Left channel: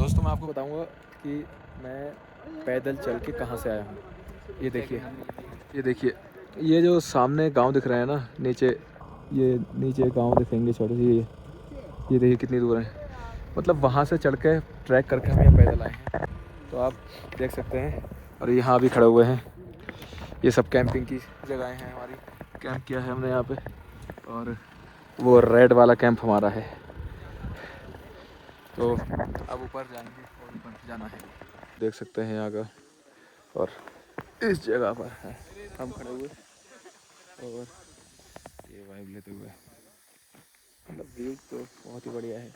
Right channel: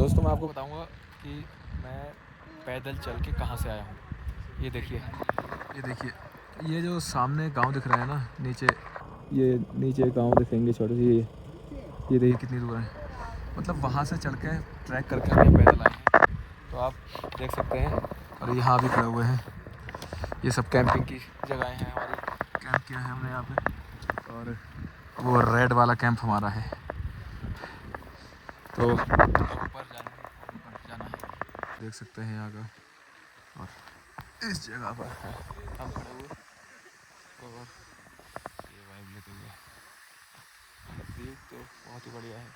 दोस्तों मैं आपको बताऊंगा कि मैं पैदल चल के कहाँ से आया हूँ। ये देखिए ये जो सामने गांव दिख रहा है ना, ये नीचे गांव दिखेंगे छोटे से। ये देखिए कितनी दूर है, मतलब वहाँ से चढ़ के ट्रैक करके हम यहाँ पैदल आए हैं। तो आप देख सकते हैं। और यहाँ भी खड़े हुए हैं, ये सब कैंपिंग की जगहें हैं हमारी। कैंप किया है हमने यहाँ पे, और वो रेड वाला कैंप हमारा है। तो अब ऊपर जाएंगे और ऊपर जाना है, देख सकते हैं यहाँ का। और इस जगह पर हैं हम खड़े हुए, और ये वाइब लेते हुए, मतलब व्यू तो बहुत ही बढ़िया है।